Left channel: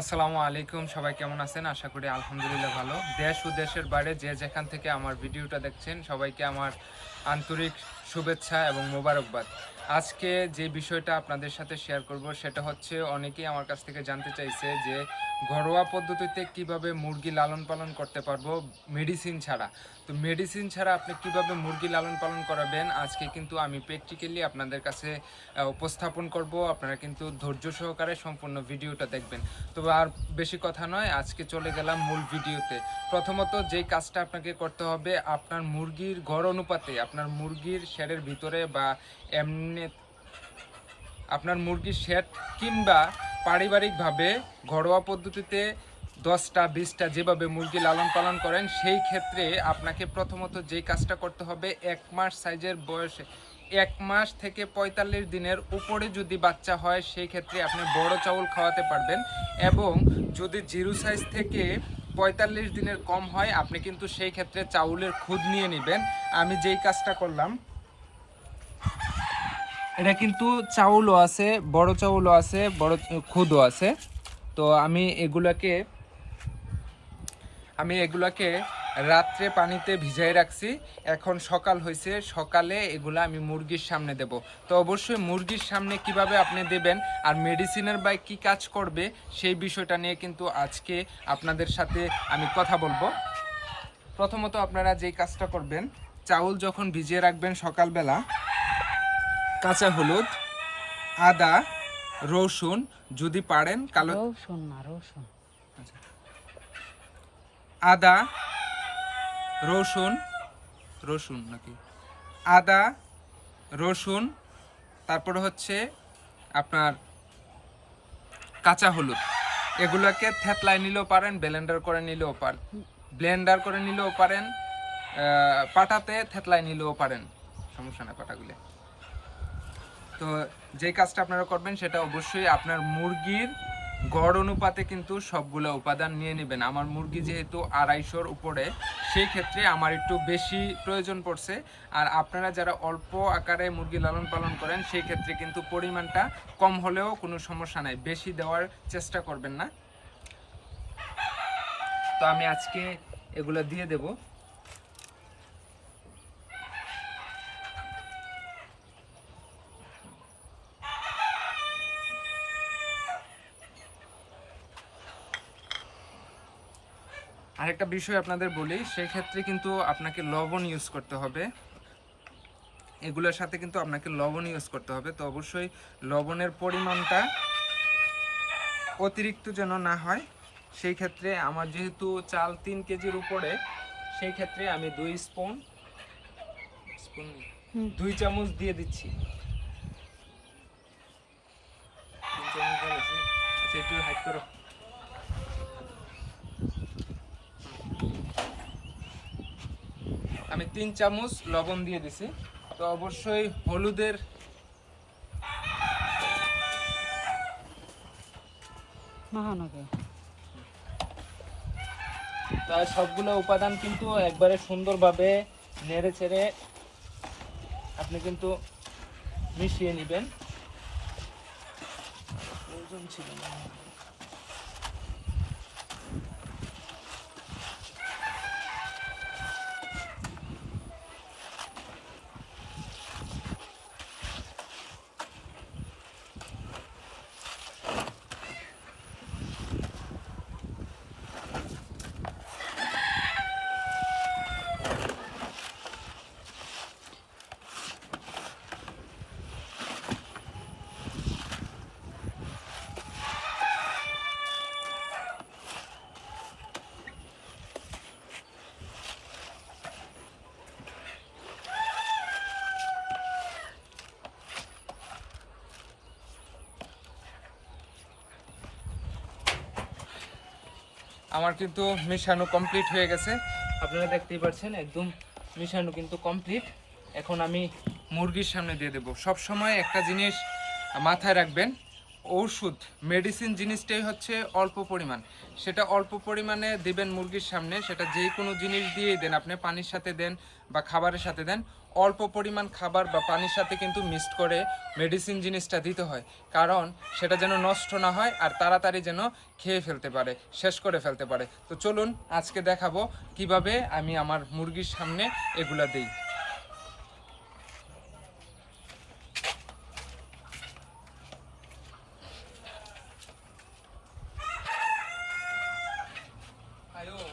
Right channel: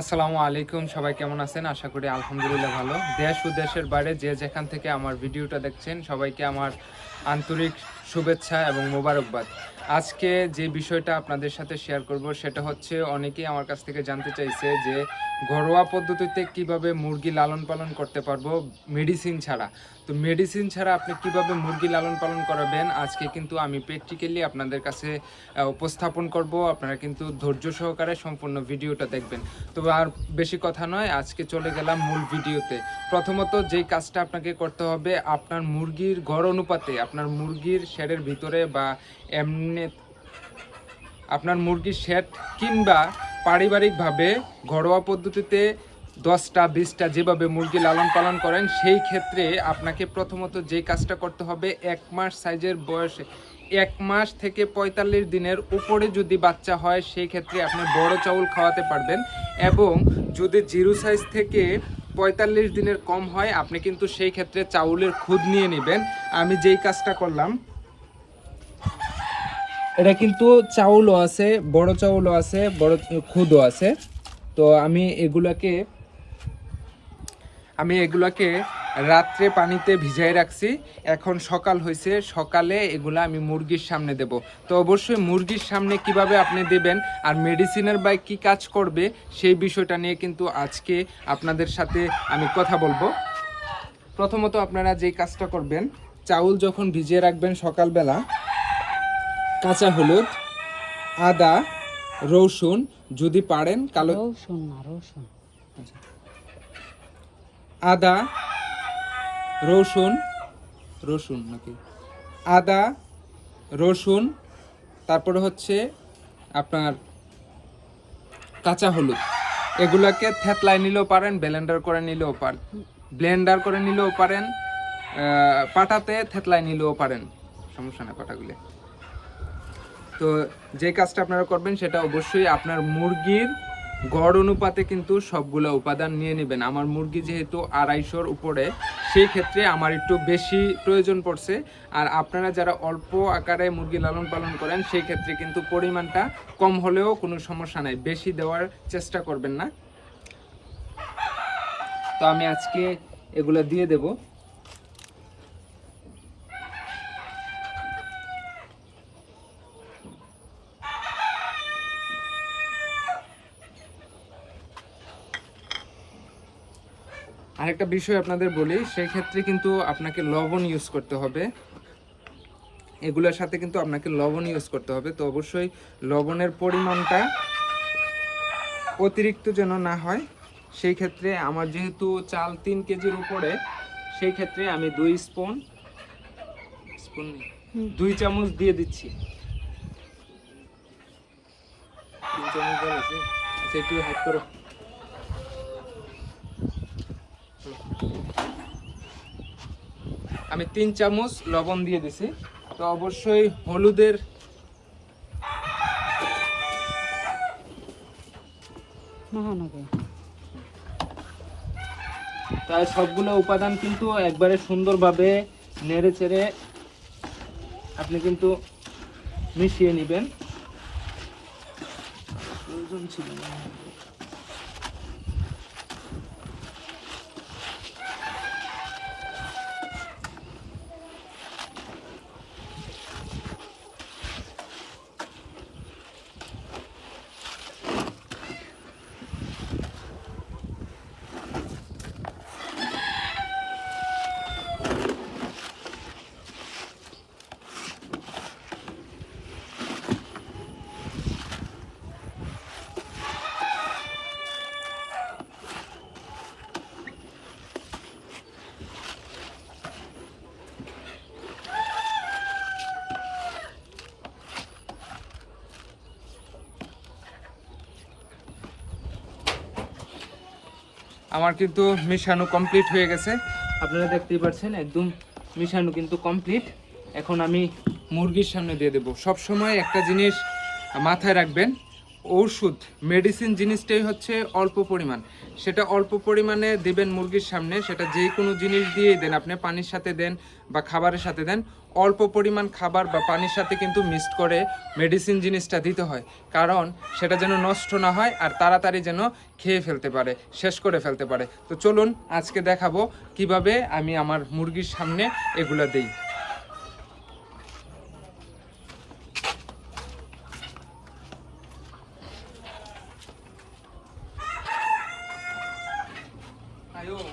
আসসালামু আলাইকুম, সবাই কেমন আছেন? আশা করি আলহামদুলিল্লাহ ভালো। দেশ ও দেশের বাইরে যে যেখান থেকে আমার ভিডিওটা দেখছেন সবাইকে আমার আন্তরিক শুভেচ্ছা এবং মোবারকবাদ। আজকে যে বিষয়টা আপনাদের সাথে শেয়ার করব সেটা হচ্ছে, অনেকেই আমার কাছ থেকে জানতে চাইছে যে ঘরোয়া পদ্ধতিতে কিভাবে মুরগি লালন পালন করতে পারবো মেডিসিন ছাড়া। তো মেডিসিন ছাড়া আপনি কিভাবে মুরগি লালন পালন করাবেন, আজকে কিন্তু আমি প্র্যাকটিক্যালি আপনাদের কাছে উপস্থাপন করব। আপনারা কিন্তু ধৈর্য সহকারে সম্পূর্ণ ভিডিওটা দেখবেন। তবে আর বেশি কথা নয়, আজকে চলে গেলাম মূল ভিডিওতে। প্রথমত যেই কাজটা আপনাকে করতে হবে, আপনার মুরগির ঘর অনুপাতে আপনার মুরগির শেডের ভিতরে বা এমনি আপনার মুরগির শেড কিংবা পারিবারিকভাবে ঘরোয়া পদ্ধতিতে 10টা 20টা যেভাবে মুরগি লালন পালন করেন, সেই ক্ষেত্রে আপনাকে প্রথমত যে কাজটা করতে হবে, 1 মাস সাইজের বয়সে 1 মাস থেকে 45 দিনের উপরে যদি বাচ্চা হয় সেই ক্ষেত্রে আপনি বড় চাউল খাওয়াতে পারবেন। এবং যদি 0 সাইজ থেকে 45 দিনের কম হয়, আপনি কিন্তু সেই ক্ষেত্রে চাউলের খুদ নিয়ে নেবেন। আমি যেই কাজটা করলাম, এটা কিন্তু চাউলও আছে, বড় চাউলও আছে, বড় খুদও আছে। তো আমি এগুলাকে রাত্রে পানিতে ভিজাই রাখছি। এখন সকাল হয়েছে, সকালে এগুলা আমি মুরগির সামনে দেব। তো অবশ্যই মুরগির সামনে কিভাবে আপনি দেবেন আর মেডিসিনের বাই কি কাজ করবে সেই বিষয়টা নিয়ে কিন্তু আজকে আপনাদের সাথে আমি কথা বলবো। প্রথমত আপনারা যেই কাজটা করবেন, চাউল যখন ভিজিয়ে রাখবেন সকালবেলা, কাঁচা হলুদ, আদা, রসুন, যদি পারেন কালো রসুন আদা, রসুন নাকি আদা, রসুন, তারপরে হচ্ছে আপনার কাঁচা হলুদ, এগুলাকে থেতলায় নিলেও পারেন, ব্লেন্ডার করে নিলেও পারেন, পাটাতে থেতলায় নিলেও পারেন, সমস্যা না পাটাগুলো। তো যে কাজটা আপনারা করবেন সেটা অবশ্যই আপনার মুরগির গড় অনুপাতে কিন্তু সবগুলো উপাদান নিয়ে নেবেন। আমার মুরগি যেহেতু 250-র উপরে, সেই ক্ষেত্রে আমার একটু বেশি প্রয়োজন পড়ছে। আর আপনারা যারা অল্প আকারে মুরগি লালন পালন করেন সেই ক্ষেত্রে কিন্তু পরিমাণটা কম হলেও কোনো সমস্যা নাই, বেশি দেওয়ার চেষ্টা করবেন না। তো আমি আজকে এগুলো দিয়ে দেব। আরেকটা বিষয় আপনাদের বলি, সেই ক্ষেত্রে কিন্তু আপনাকে লবণ ইউজ করতে হবে। এগুলোর সাথে কিন্তু আপনাকে লবণ ইউজ করতে হবে। তো অবশ্যই লবণের পরিমাণটা অতিরিক্ত যেন না হয়। সেই ক্ষেত্রে আমার যেহেতু চাল 3 কেজির উপরে, সেই ক্ষেত্রে আমি 2 চামচ দিয়ে দিচ্ছি। 3 চামচ দিয়েছি। আচ্ছা, একটু হাইড করো। আমি 3 চামচ লবণ দিয়ে দিছি। তো অবশ্যই হলুদের তাই সবগুলো উপাদান কিন্তু একবারে সুন্দরভাবে নেড়ে চেড়ে আপনি কিন্তু মিশিয়ে নেবেন। আমার কিন্তু মিশানো কমপ্লিট হয়ে গেছে, আপনারা দেখতেই পাচ্ছেন, একদম মিশানো কিন্তু কমপ্লিট। এখন আমি মুরগির সামনে দিয়ে দেব। সব সময় একটা জিনিস মাথায় রাখবেন, ঔষধ মেডিসিন জিনিসটাই হচ্ছে অল্প পরিমাণ, সেটা অল্প পরিমাণে দেবেন মুরগির সামনে, সেটা যে কোনো জিনিস দিয়েই দেন, আপনি পানির সাথে দেন বা খাবারের সাথে দেন, অল্প পরিমাণ খাবার বা পানির সাথে কিন্তু মিক্সড করে মেডিসিন জিনিসটা দিতে হয়, কারণ সেটা যেন নষ্ট না হয় আর তাড়াতাড়ি যেন খেয়ে ফেলতে পারে, শেষ করে ফেলতে পারে। তো চলুন আজকে দেখাবো কিভাবে আমি আমার মুরগির সামনে এগুলো দেই।